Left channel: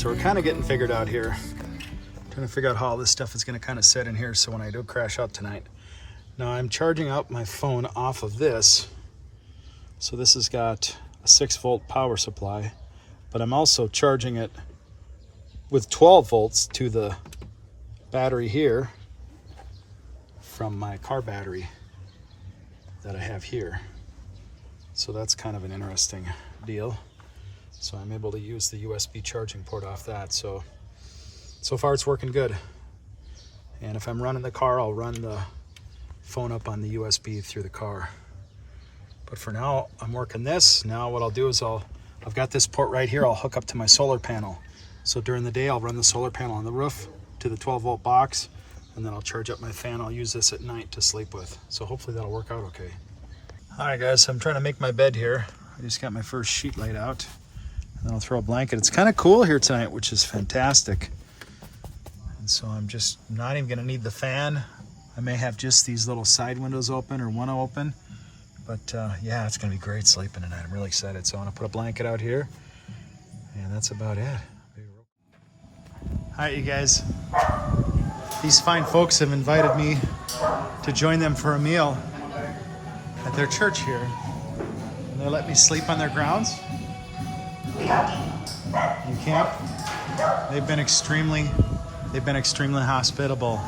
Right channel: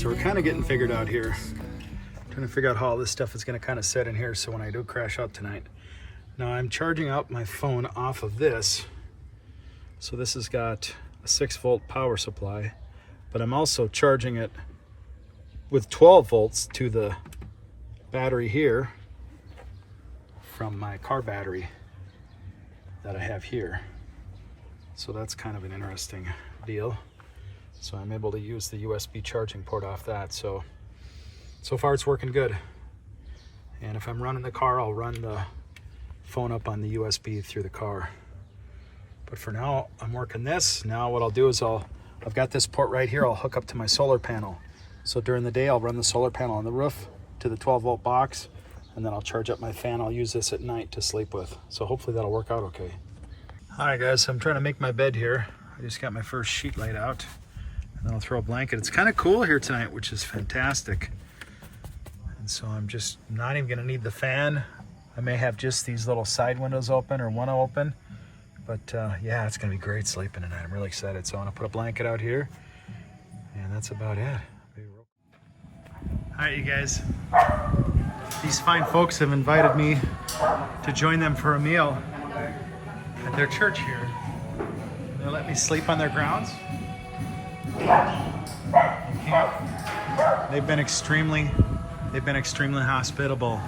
So we're kind of getting figured out here. Trying to figure out how all this stuff is going to kind of set in here so when I do crash out tonight. Now I'm charging up my phone off of this. So this has got a 6-volt power supply, but I'm also charging it with 12 volts to the battery here from my car battery that I have here. So that's kind of an interesting deal. So I'm able to use the USB charging port off that. So far it's working good. And if I'm running the car, I'll run the phone up on the USB through the car. But for now, I'm working this. Now what I'll do is I've got this port right here. I'll hook up to my solar panel. So during the day, I'll run the solar panel on the roof to the 12-volt box, and then I'll charge up my fan. I'll use this at night to sleep with. So hopefully that'll work out okay. All right, guys, I'm trying to make my bed here. I just got my first sheet laid out, and then I'll throw a blanket. It's kind of cool here tonight, which is fantastic. And so I'm just not even gonna need the fan. I may have just these little side windows open or one open, but yeah, it's gonna be great sleeping tonight. I'm really excited. So I'm gonna put a blanket out here, and that's about it. All right, you guys. These fine folks have invited me to join them for a meal at their church here. And they let me sleep on their grounds. You can't. They've been extremely hospitable.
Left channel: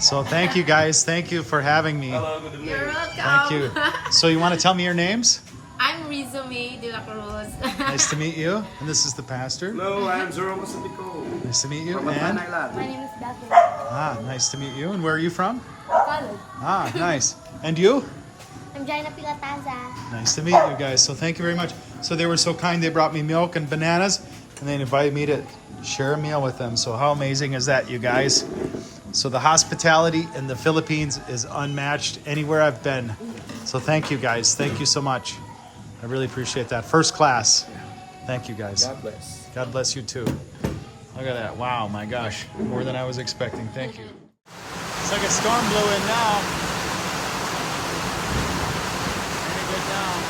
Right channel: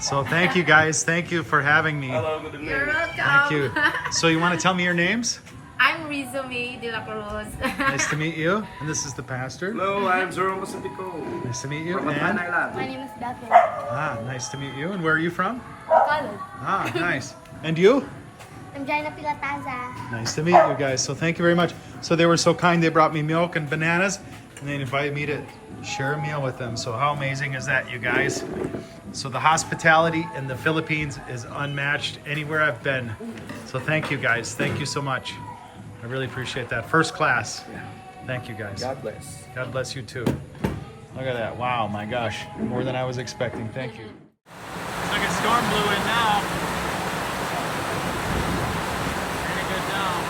So thank you guys. Thank you for having me. Hello, good evening. You're welcome. Thank you. So you want to tell me your names? I'm Rizome de la Cruz. Nice to meet you. And this is the pastor. Hello, I'm Jerome Pacifico. Nice to meet you. From And Island. My name is Daphne. nice to meet you. And where are you from? College. Nice. And you? I'm Jaina Pilataza. Nice to meet you guys. So thank you very much. So they were so kind. They brought me milk and bananas, and they invited me to share a meal with them. So how amazing is that, you guys? So the hospitality in the Philippines is unmatched anywhere I've been. So thank you guys. Thank you so much. I really appreciate that. First class. Thank you guys. God bless. God bless you too. Look at that. Wow, my gosh. More than I was expecting. Thank you. Looks like a storm blew in now. Raining good now.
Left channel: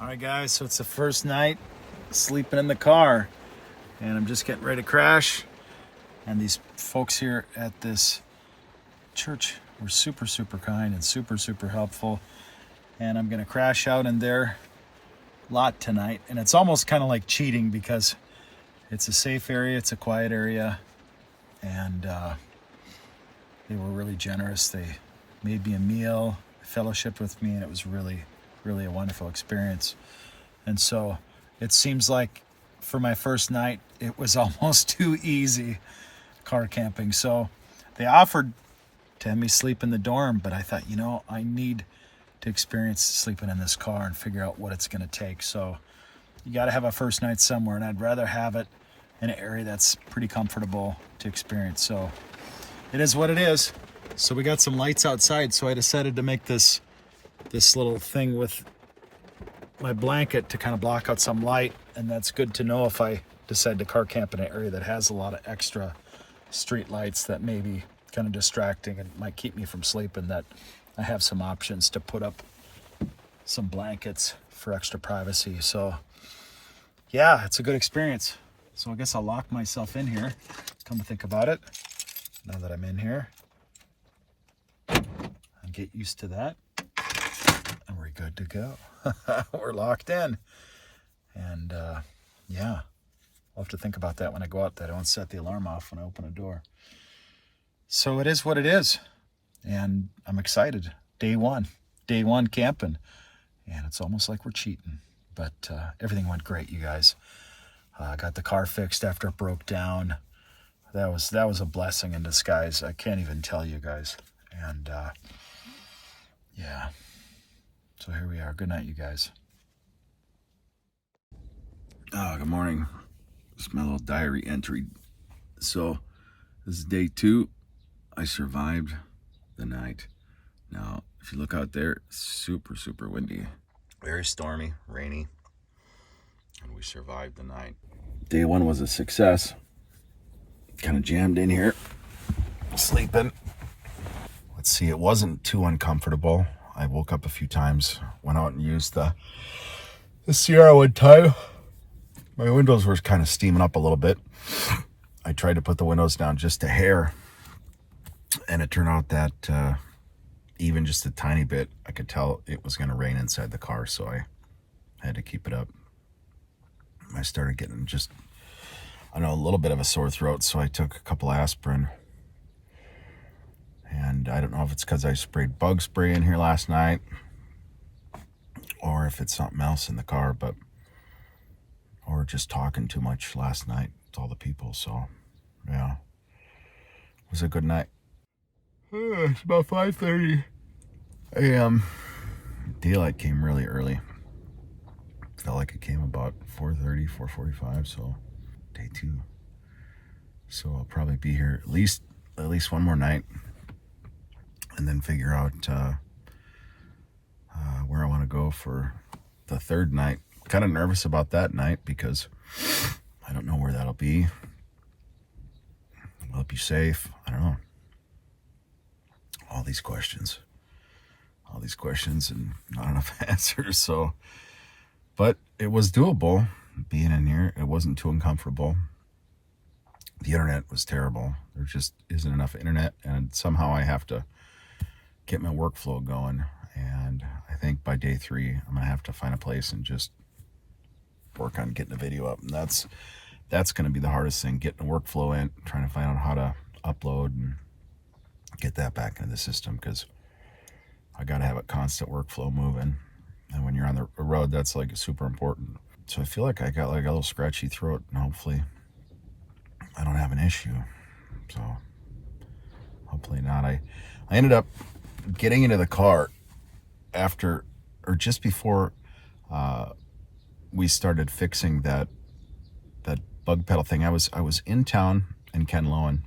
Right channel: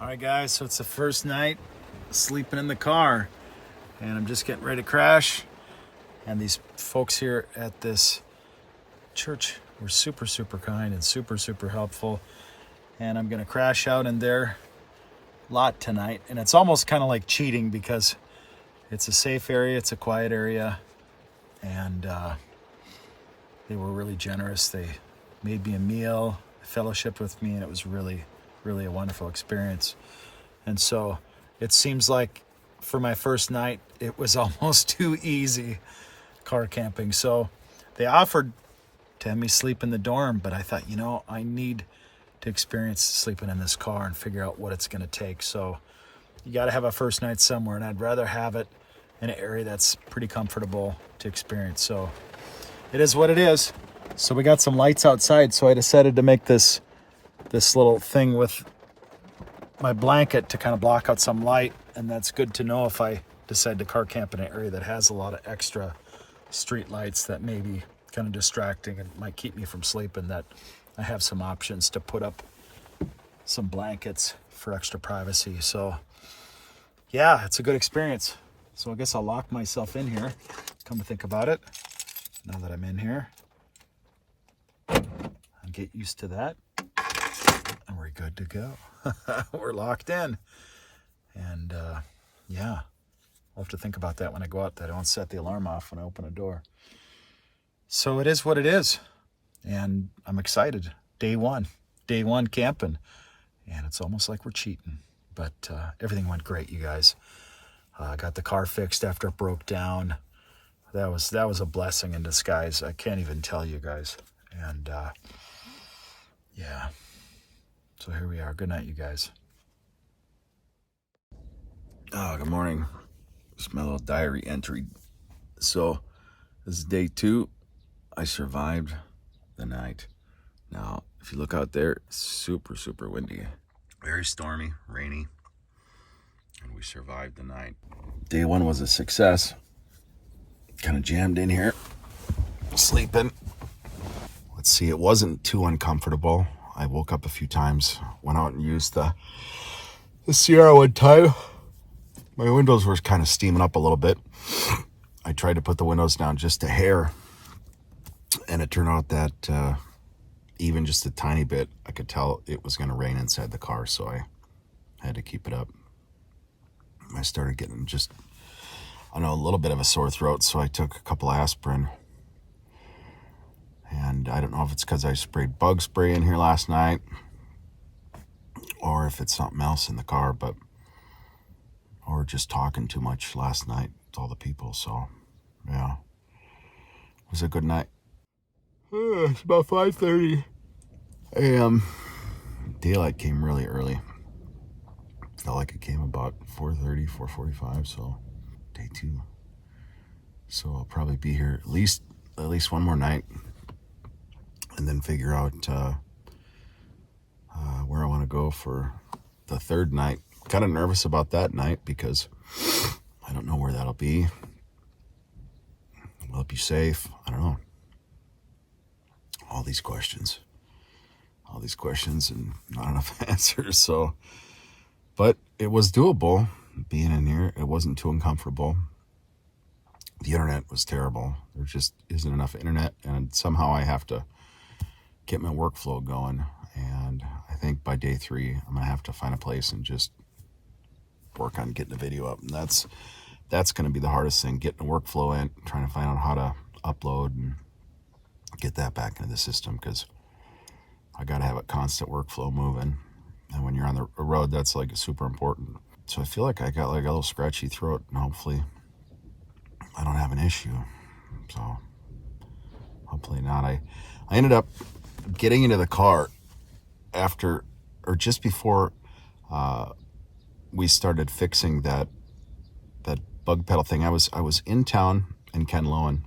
All right, guys. So it's the first night sleeping in the car. And I'm just getting ready to crash. And these folks here at this church were super, super kind and super, super helpful. And I'm gonna crash out in their lot tonight. And it's almost kind of like cheating because it's a safe area, it's a quiet area. And they were really generous. They made me a meal, fellowshiped with me, and it was really, really a wonderful experience. And so it seems like for my first night, it was almost too easy car camping. So they offered to have me sleep in the dorm, but I thought, you know, I need to experience sleeping in this car and figure out what it's going to take. So you got to have a first night somewhere, and I'd rather have it in an area that's pretty comfortable to experience. So it is what it is. So we got some lights outside, so I decided to make this little thing with my blanket to kind of block out some light, and that's good to know if I decide to car camp in an area that has a lot of extra street lights that may be kind of distracting and might keep me from sleeping, that I have some options to put up some blankets for extra privacy. So yeah, it's a good experience. So I guess I'll lock myself in here, come to think about it, now that I'm in here, and get used to that, and we're good to go. We're locked in. And yeah, I'll have to think about that when I go out, that I don't set the alarm off when I open a door. So it is what it is. And I'm excited. Day one camping. And it's almost like we're cheating. But everything went great, you guys. I got the car fixed after it broke down. That was a blessing in disguise. I can't even tell you guys. And yeah. So here we are. Good night, you guys. Oh, good morning. It's my little diary entry. So this is day 2. I survived the night. Now, if you look out there, it's super, super windy. Very stormy, rainy. And we survived the night. Day 1 was a success. Kind of jammed in here, sleeping. Let's see, it wasn't too uncomfortable. I woke up a few times, went out and used the Sierra Wood tile. My windows were kind of steaming up a little bit. I tried to put the windows down just a hair, and it turned out that even just a tiny bit, I could tell it was going to rain inside the car, so I had to keep it up. I started getting just, I don't know, a little bit of a sore throat, so I took a couple aspirin. And I don't know if it's because I sprayed bug spray in here last night or if it's something else in the car, or just talking too much last night to all the people. So, yeah, it was a good night. It's about 5:30 a.m. Daylight came really early. Felt like it came about 4:30, 4:45, so day 2. So I'll probably be here at least one more night, and then figure out where I want to go for the 3rd night. Kind of nervous about that night because I don't know where that'll be. Will it be safe? I don't know. All these questions and not enough answers. So, but it was doable being in here. It wasn't too uncomfortable. The internet was terrible. There just isn't enough internet, and somehow I have to get my workflow going. And I think by day 3, I'm gonna have to find a place and just work on getting the video up. And that's gonna be the hardest thing, getting the workflow in, trying to find out how to upload and get that back into the system, because I gotta have a constant workflow moving. And when you're on the road, that's like super important. So I feel like I got like a little scratchy throat, and hopefully I don't have an issue. So hopefully not. I ended up getting into the car after, or just before we started fixing that bug pedal thing. I was in town in Canlaon.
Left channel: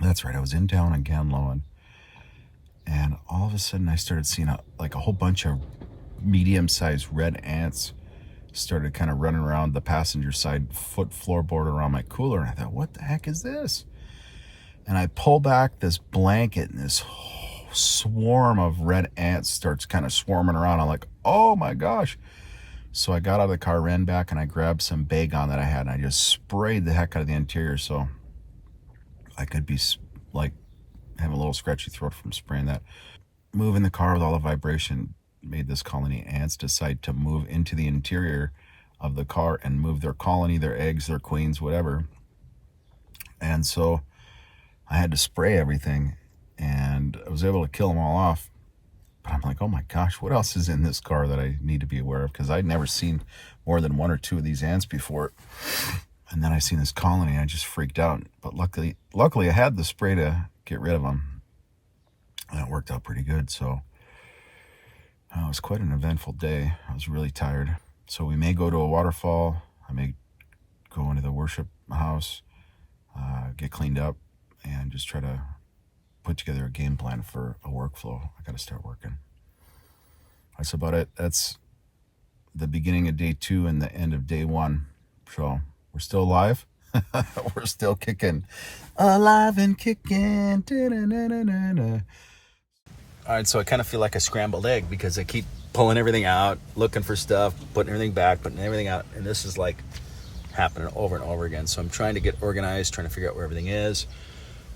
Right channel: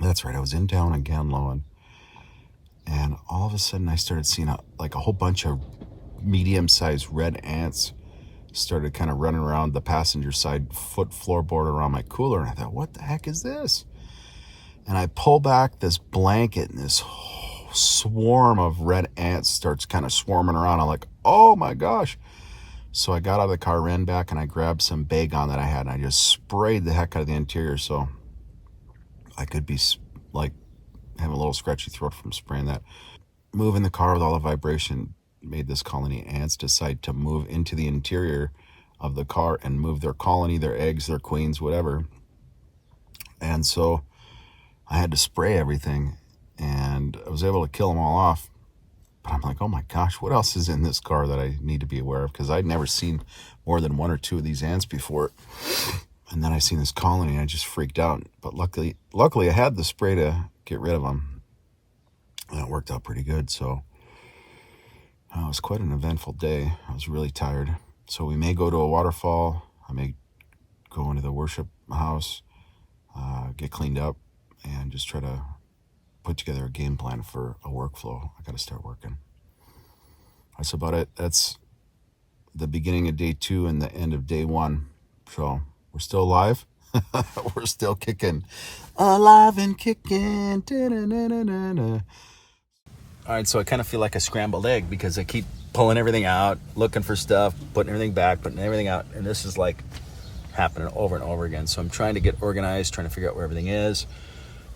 That's right, I was in town in Canlaon, and all of a sudden I started seeing a whole bunch of medium-sized red ants started kind of running around the passenger side floorboard around my cooler, and I thought, what the heck is this? And I pull back this blanket, and this swarm of red ants starts kind of swarming around. I'm like, oh my gosh. So I got out of the car, ran back, and I grabbed some Baygon that I had, and I just sprayed the heck out of the interior, so I could be like having a little scratchy throat from spraying that. Moving the car with all the vibration made this colony of ants decide to move into the interior of the car and move their colony, their eggs, their queens, whatever. And so I had to spray everything, and I was able to kill them all off. But I'm like, oh my gosh, what else is in this car that I need to be aware of? Because I'd never seen more than 1 or 2 of these ants before. And then I seen this colony, and I just freaked out. But luckily I had the spray to get rid of them. And it worked out pretty good. So it was quite an eventful day. I was really tired. So we may go to a waterfall. I may go into the worship house, get cleaned up, and just try to put together a game plan for a workflow. I got to start working. That's about it. That's the beginning of day 2 and the end of day 1. So we're still alive. We're still kicking. Alive and kicking. Da-da-da-da-da-da. All right, so I kind of feel like a scrambled egg because I keep pulling everything out, looking for stuff, putting everything back, putting everything out. And this is like happening over and over again. So I'm trying to get organized, trying to figure out where everything is,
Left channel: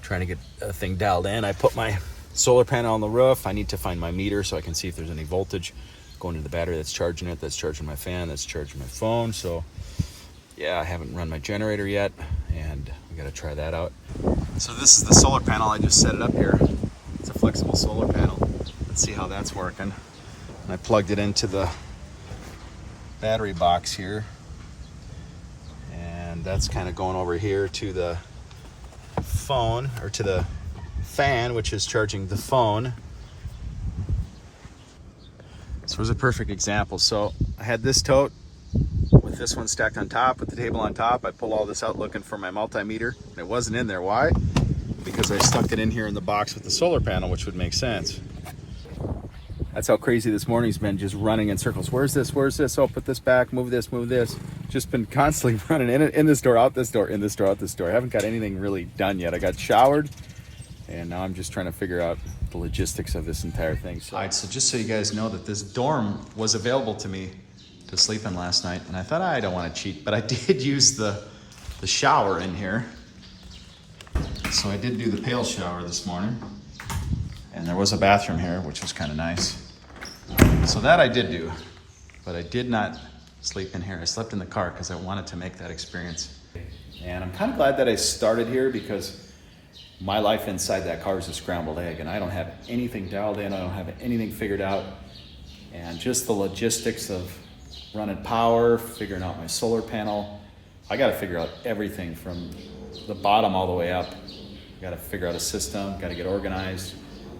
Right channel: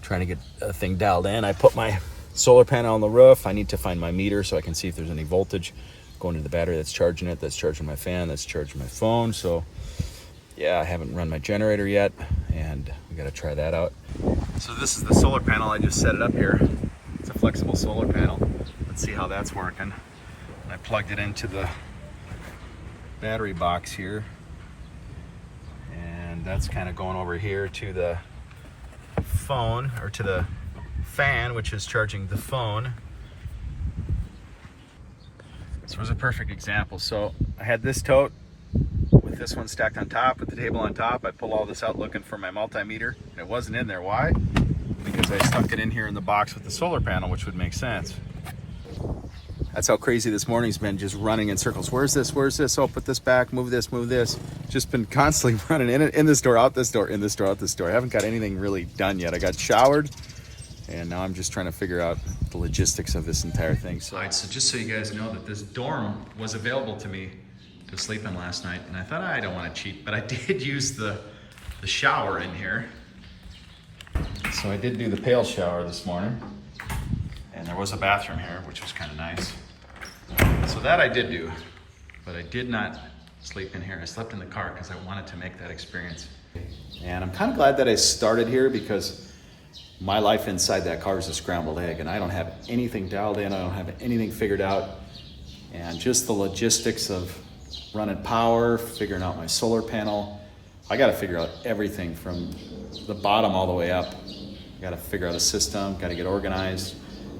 trying to get a thing dialed in. I put my solar panel on the roof. I need to find my meter so I can see if there's any voltage going to the battery that's charging it, that's charging my fan, that's charging my phone. So yeah, I haven't run my generator yet, and we got to try that out. So this is the solar panel. I just set it up here. It's a flexible solar panel. Let's see how that's working. And I plugged it into the battery box here, and that's kind of going over here to the phone, or to the fan, which is charging the phone. So here's a perfect example. So I had this tote with this one stacked on top, with the table on top. I pull all this out looking for my multimeter, and it wasn't in there. Why? Because I stuck it in here in the box with the solar panel, which would make sense. That's how crazy this morning's been, just running in circles. Where's this? Where's this? Oh, put this back, move this, move this. Just been constantly running in this door, out this door, in this door, out this door. I haven't got anything really done yet. I got showered, and now I'm just trying to figure out the logistics of this entire thing. So, all right, so just so you guys know that this dorm was available to me to sleep in last night, and I thought I don't want to cheat, but I did use the shower in here. So I did do the pail shower this morning, and there was a bathroom here, which was kind of nice. So that I did do, but I did not sleep in here. I slept in the car because I wanted to make that experience. And I'm kind of glad that I started here because my life inside that car is a scrambled egg, and I don't have anything dialed in. I don't have anything figured out. And just the logistics of running power, figuring out my solar panel. I got to figure out everything from the bottom all the way up. I got to figure out a system, got to get organized,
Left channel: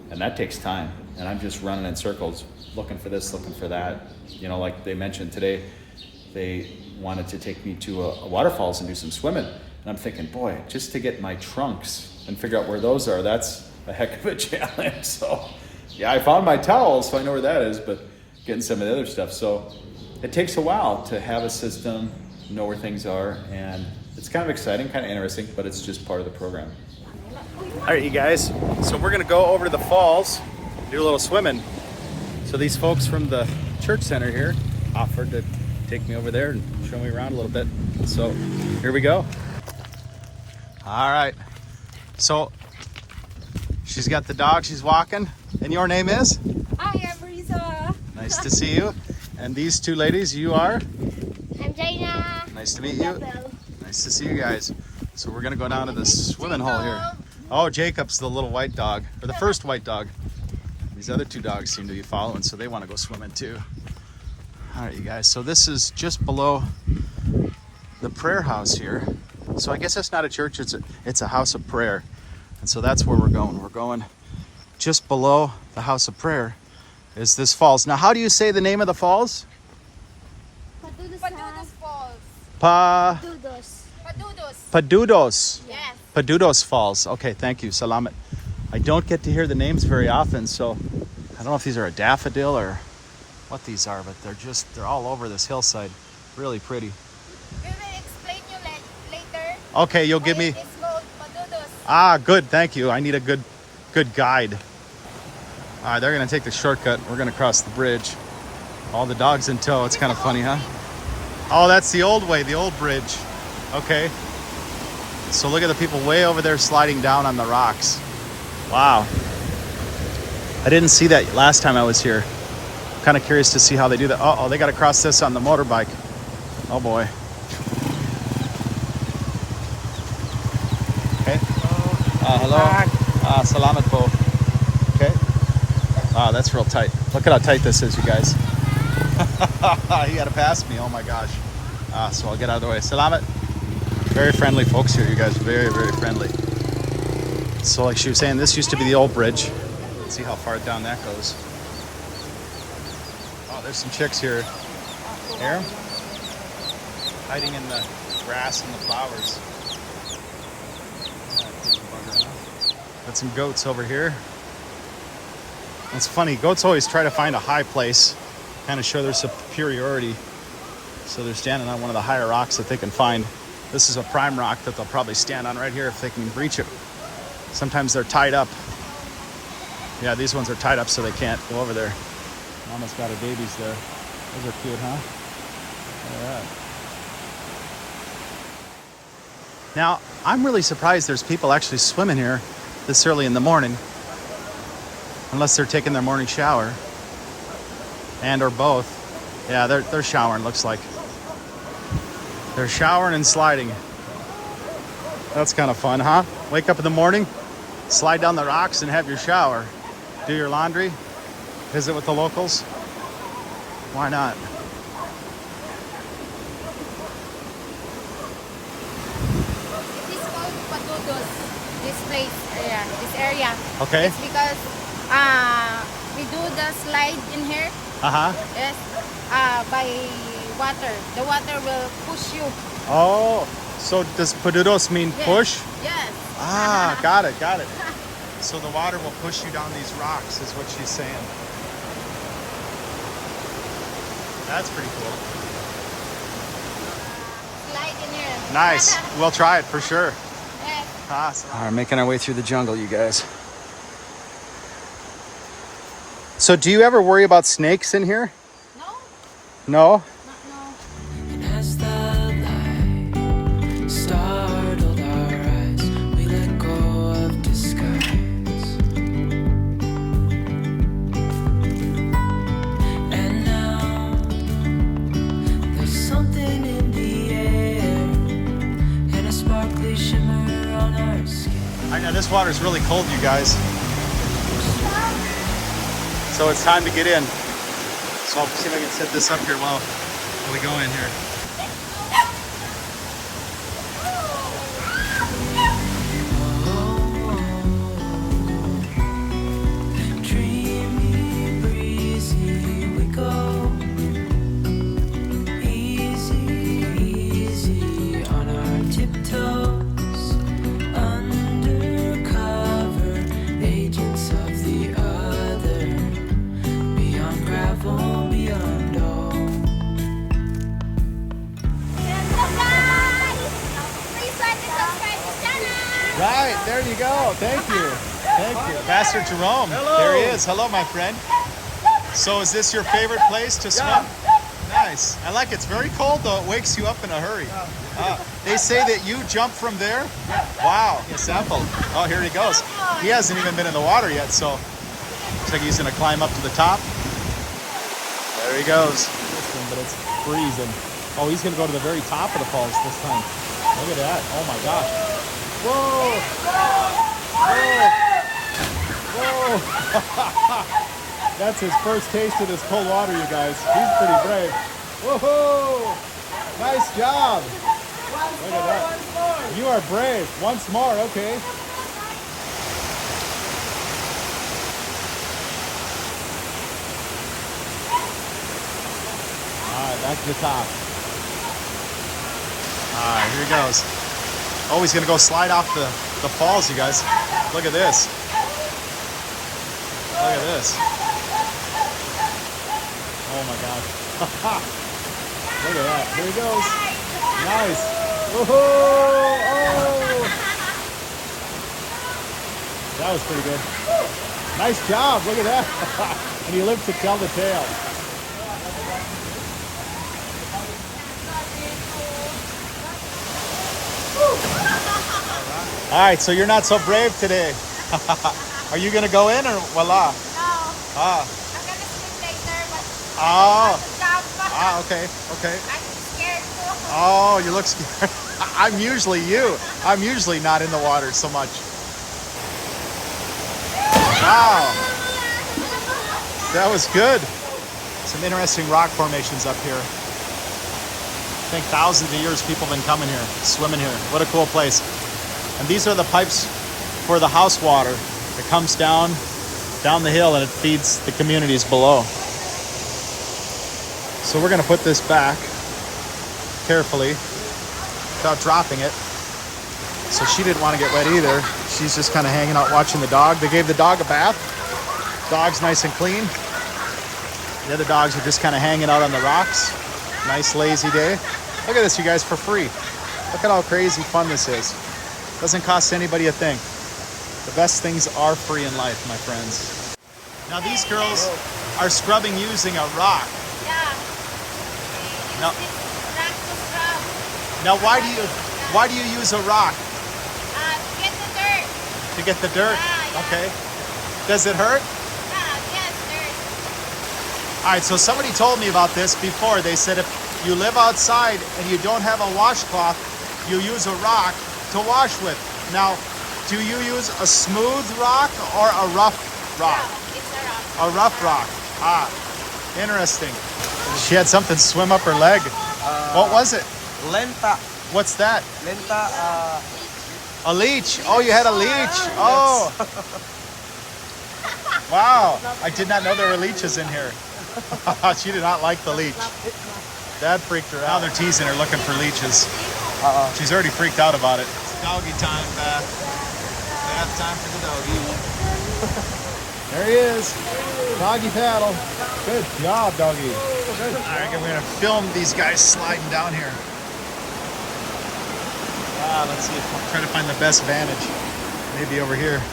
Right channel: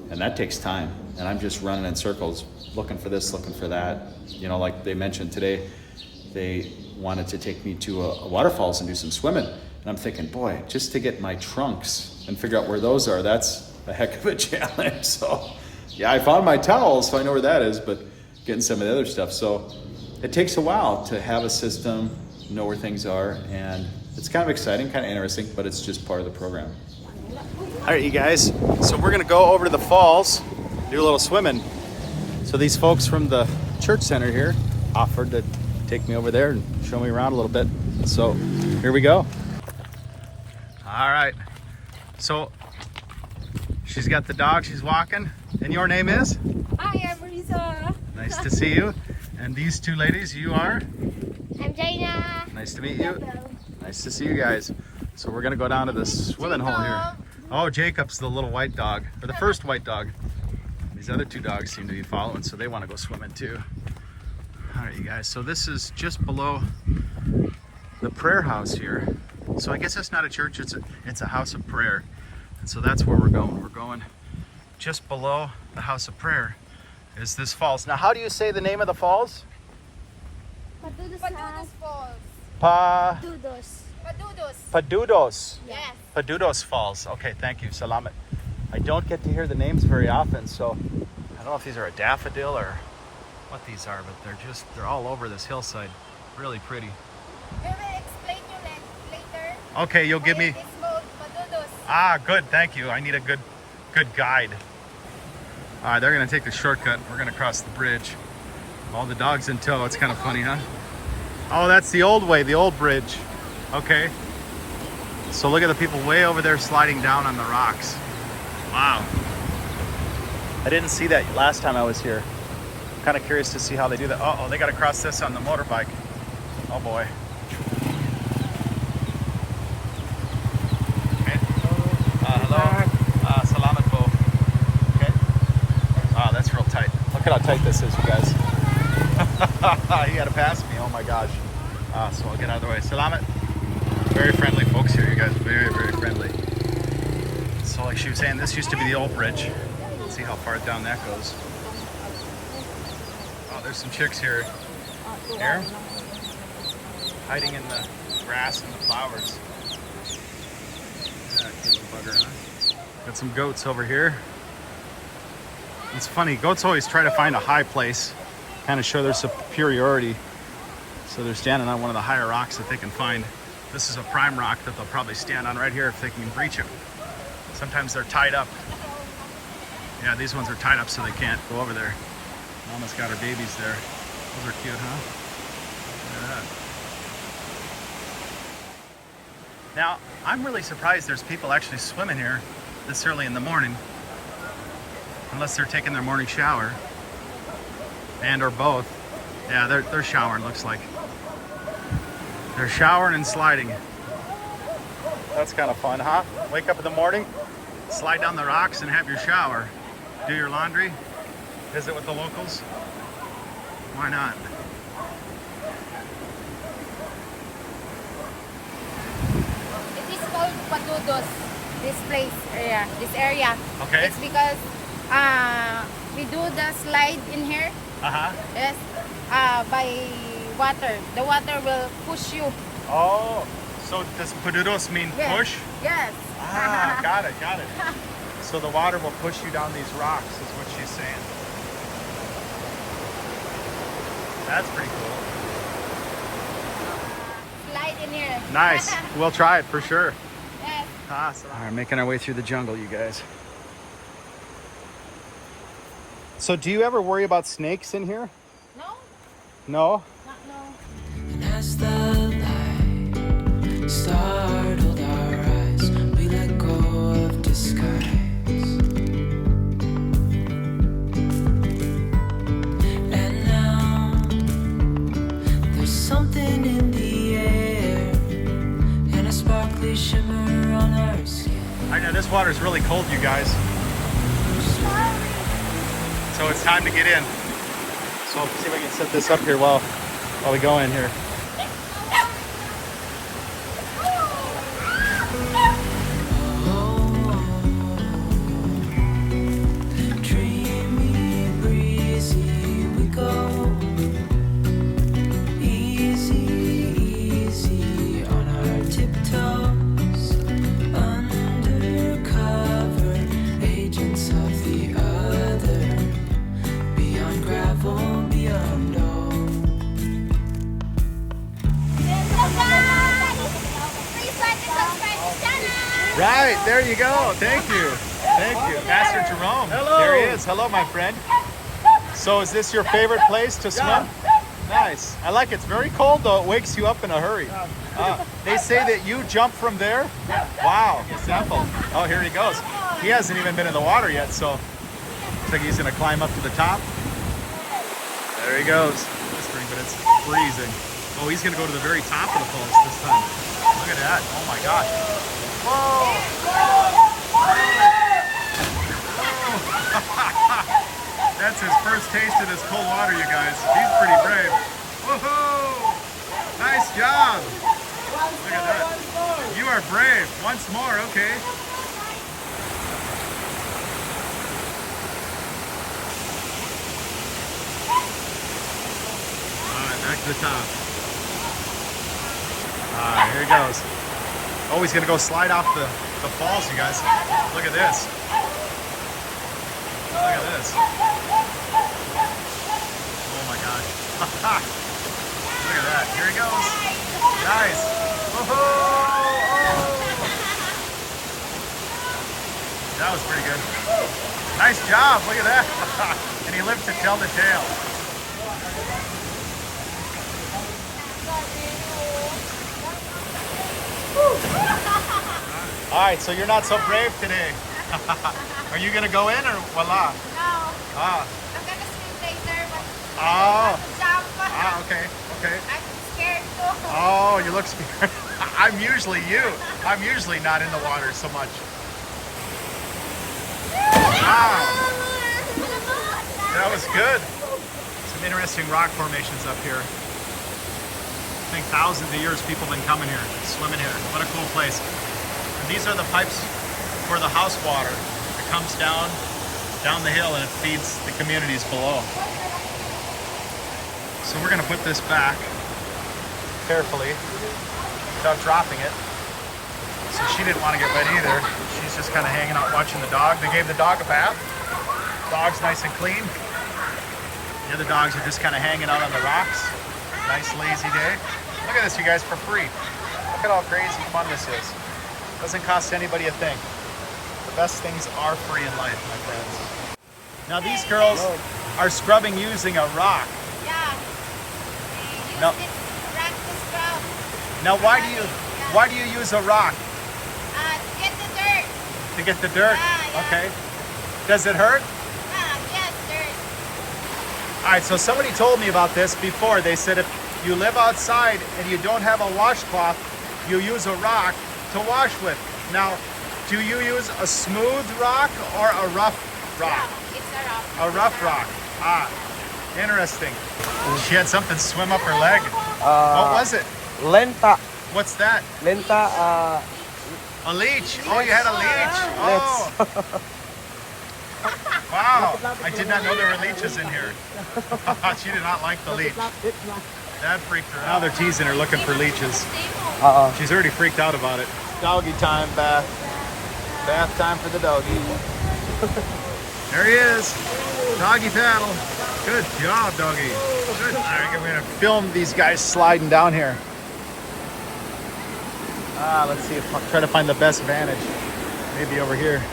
and that takes time. And I'm just running in circles, looking for this, looking for that. You know, like they mentioned today, they wanted to take me to a waterfalls and do some swimming. And I'm thinking, boy, just to get my trunks and figure out where those are, that's a heck of a challenge. So yeah, I found my towels, so I know where that is, but getting some of the other stuff. So it takes a while to have a system, know where things are, and it's kind of exciting, kind of interesting, but it's just part of the program. All right, you guys, so we're gonna go over to the falls, do a little swimming. So these folks from the church center here offered to take me over there and show me around a little bit. So here we go. All right, so she's got the dog, she's walking, and your name is? Hi, I'm Risa. Nice to see you. And these two ladies, you are? I'm Jaina. Nice to meet you. Nice to see you guys. So we're gonna go down to the swimming hole here. Oh, Jacob's the little white dog, or the first white dog. These other two dogs seem to be following, so they want to go swimming too. All right, you guys, so this is just below the prayer house here. So I guess it's not a church, it's a house of prayer. And so that's where we're going. We're going just below the house of prayer is this falls. Now, how do you say the name of the falls? Padudusan Falls. Padudos. Yes. Padudos Falls. Okay, thank you. Salamat. I don't get to hear the names very often, so I don't know if these are a daffodil or what these are, but they're all over this hillside. Really pretty. We will explain you later. Okay, you'll give me. It's called Padudos. Ah, good. Thank you. I need a good guide. All right, they're gonna take the shortcut. We're gonna cross the bridge. All the dogs in tow. It's kind of funny, huh? Oh, that's the old way, the old bridge. Okay. So look at the people way over there sliding down on the rocks. Wow. I didn't see that last time I was here. I'm kind of curious to see how they do that. Oh, they got to cross this on the motorbike. Oh boy. Okay. Hello. Salamat po. Okay. Oh, that's real tight. Look at how tight this is, you guys. You got to pass me. Oh my gosh. So I'll get out of the way. Salamat. Very friendly folks here, you guys. Very, very friendly. So like she was saying, this used to be the old bridge. Let's see how far down that goes. Oh, there's some chicks here. Here? Hiding in the grass and the flowers. Yeah, cute bugger, huh? Got some goats over here. It's funny, goats always try to find a high place, kind of show their superiority. So they're standing on one of the higher rocks that they can find. This is a prime rock that they'll probably stand on right here if they can reach it. Sometimes they're tied up. Yeah, these ones are tied up so they can't go over there. Mama's got her babies there. Those are cute, huh? Look at that. Now, I'm really surprised there's people actually swimming here this early in the morning. Unless they're taking their morning shower. And or both. Yeah, they're showering, looks like. They're showering and sliding. That's kind of fun, huh? Wake up in the morning, slide down the rocks and have your shower. Do your laundry, visit with the locals. Why not? It is called Padudos. This place, this area. Okay. It's because we do the slide in here. Yes. By water. The water will push you. Oh, so does Padudos mean Yes. push? Yes. Ah, got it. So the water will push you down these rocks is what she's saying. That's pretty cool. Slide in here. Nice. We'll try it for sure. Yes. Awesome. All right, making our way through the jungle, you guys. So do you ever worry about snakes in here? No? No? Not And as the light startled our eyes, we let go of disguise. And now there's something in the air and a sparkly shimmer on our skin. I know this water is really cold, you guys. So it's time to get in. So I'll see if I can set this up here while we go in here. Dreamy, breezy, we go. Easy, easy on our tiptoes. Undercover agents of the other. Beyond gravel, beyond all. Right, there you go. Thank you. Thank you. Pastor Jerome. Hello. There he is. Hello, my friend. So is this your favorite place to swim? Yeah. Nice. I like it. It's very cold, though. It wakes you up in a hurry. They say that you jump from there? Yeah. Wow. Example. Oh, here he goes. He hasn't even been in the water yet, so looks like he's going to climb up to the top. There he goes. Whispering, but it's freezing. Oh, he's going to go to the very top of the falls this time. Look at that. Oh, my gosh. That's his first taste of this cold water, you guys. He's pretty brave. Woohoo! Nice job. Look at that. You are brave. Once more, okay. All right, back to the top. All right, here he goes. Oh, he's gonna go slide off the falls, you guys. Look at this. Look at this. Oh my gosh. Look at that. Here he goes. Nice. Woohoo! That was pretty good. Nice job. Look at that. And he lived to tell the tale. All right, so you're not so brave today. Are you gonna go in or voila? No, Ah, I'm gonna swim later, but Oh. I don't want to jump. okay, okay. I'm scared too. Oh, you look scared. I'm usually you. I'm usually not in the water so much. Wow, that was good. Some interesting rock formations up here. I think thousands of years people have been coming here, swimming here. What a cool place. And these are the pipes for the house water. It comes down the hill and it feeds the communities below. So we're gonna put this back carefully without dropping it. So she didn't want to get wet either. She's just kind of hanging out watching the dog. They gave the dog a bath. Dog's nice and clean. The other dogs are just kind of hanging out on the rocks. Nice lazy day. Look at this, you guys, for free. Look at how crazy fun this is. Doesn't cost anybody a thing. The best things are free in life, my friends. Now these girls are scrubbing using a rock. Yeah. No. Use this rock to scrub. Now why do you use a rock? Get the dirt. To get the dirt? Yeah. Okay. Does it hurt? Yes, dirt. All right, so somebody told me about this before. They said if you live outside and you don't have a washcloth, you use a rock to wash with. Now, do you use a smooth rock or a rough rock? Yeah, it's a rock. A rough rock. Ah, interesting. She had something swim up her leg. What was it? Lenta. What's that? Lenta. A leech. Oh, you had a leech. Oh. Wow. I did not know there were leeches in here. She did not like the leech. That freaked her out. Now they're teasing her looking for leeches. She's already freaked out about it. Doggy time, bath. Bath time for the doggy. There he is. Doggy paddle. Good job, doggy. Good. All right, I'm going to film these guys sliding down here. Let's see if I'll try to find the best vantage. Maybe over here.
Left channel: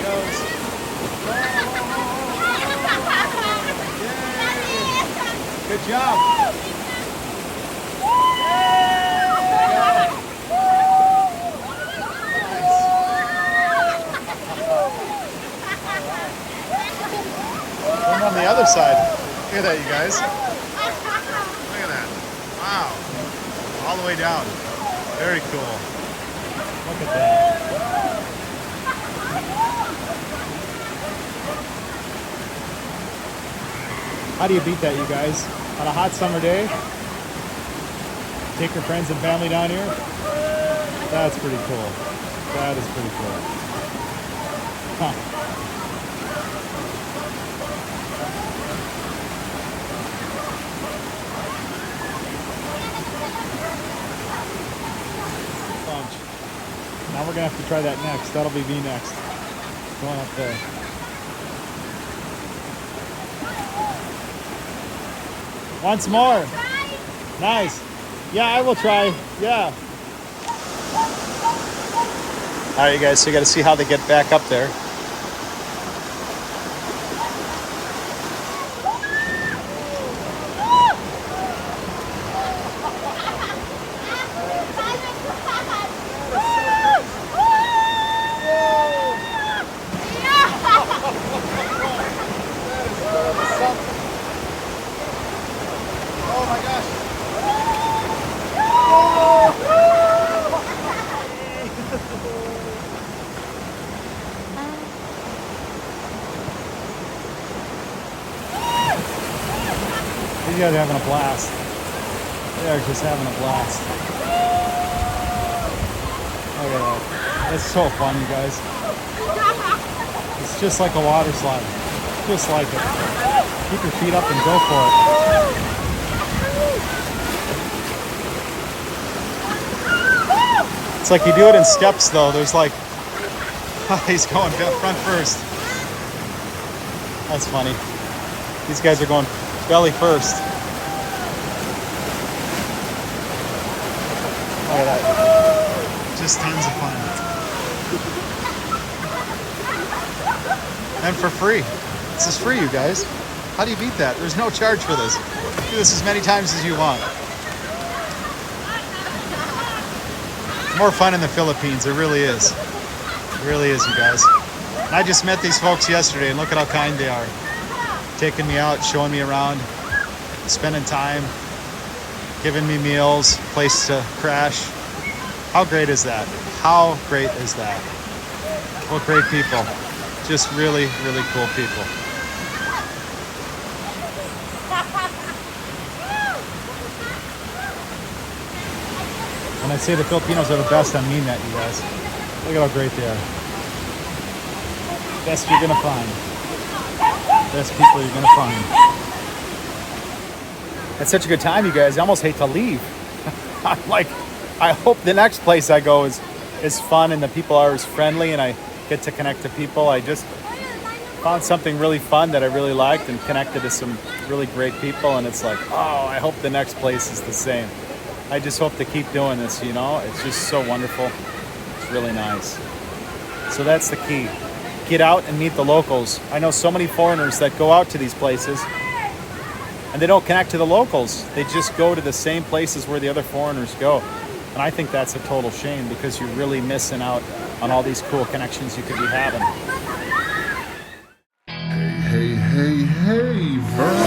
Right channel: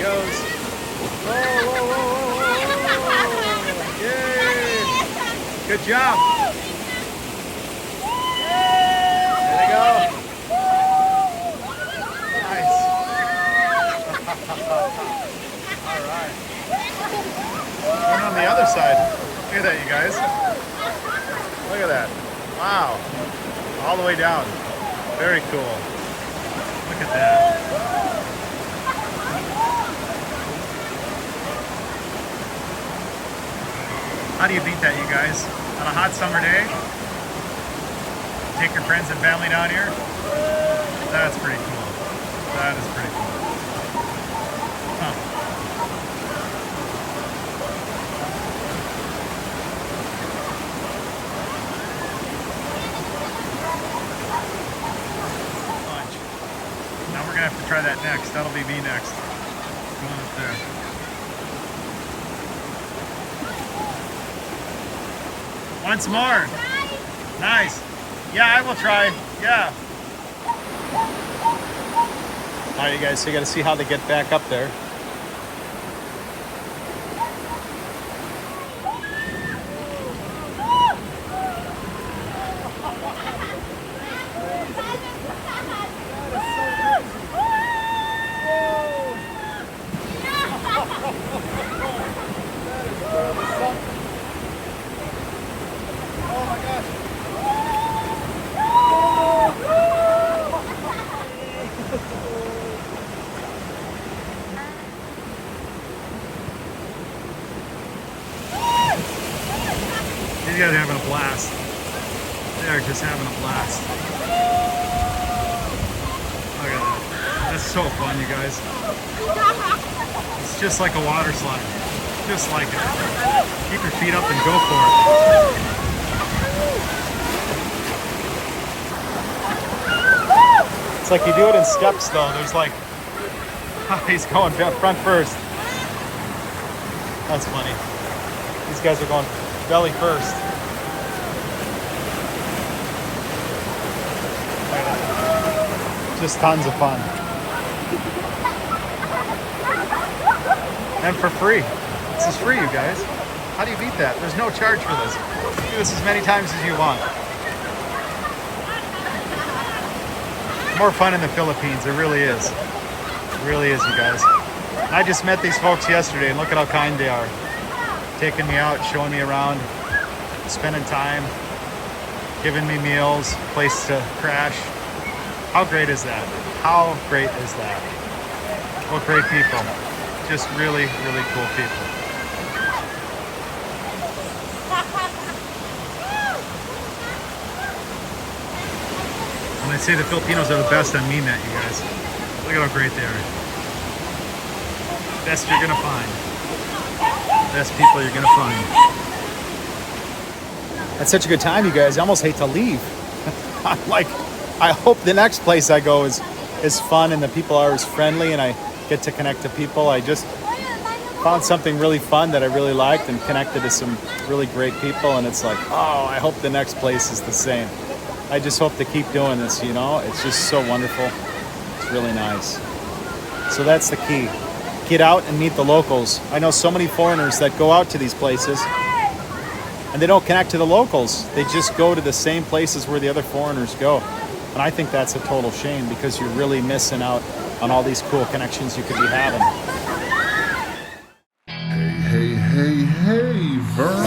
Goes. Good job. There you go. Nice. And on the other side. Look at that, you guys. Look at that. Wow. All the way down. Very cool. Look at that. How do you beat that, you guys? On a hot summer day? Take your friends and family down here? That's pretty cool. That is pretty cool. Huh. Lunch. Now we're gonna have to try that next. That'll be me next. Going up there. Once more. Nice. Yeah, I will try. Yeah. All right, you guys, so you got to see how they get back up there. Oh my gosh. These guys are having a blast. They are just having a blast. Look at that. That's so fun, you guys. It's just like a water slide. Just like it. Keep your feet up and go for it. It's like you do it in steps though. There's like, he's going front first. That's funny. These guys are going belly first. Just tons of fun. And for free. This is free, you guys. How do you beat that? There's no charge for this. Do this as many times as you want. More fun in the Philippines, it really is. It really is, you guys. And I just met these folks yesterday, and look at how kind they are. Taking me out, showing me around, spending time, giving me meals, place to crash. How great is that? How great is that? What great people. Just really, really cool people. When I say the Filipinos are the best, I mean that, you guys. Look at how great they are. Best you're gonna find. Best people you're gonna find. That's such a good time, you guys. I almost hate to leave. I'm like, I hope the next place I go is fun and the people are as friendly and I get to connect to people. I just found something really fun that I really liked and connected to some really great people, and it's like, oh, I hope the next place is the same. I just hope to keep doing this, you know? It's just so wonderful. It's really nice. So that's the key. Get out and meet the locals. I know so many foreigners that go out to these places and they don't connect to the locals. They just go to the same places where the other foreigners go. And I think that's a total shame because you're really missing out on all these cool connections you could be having. Hey, Vern.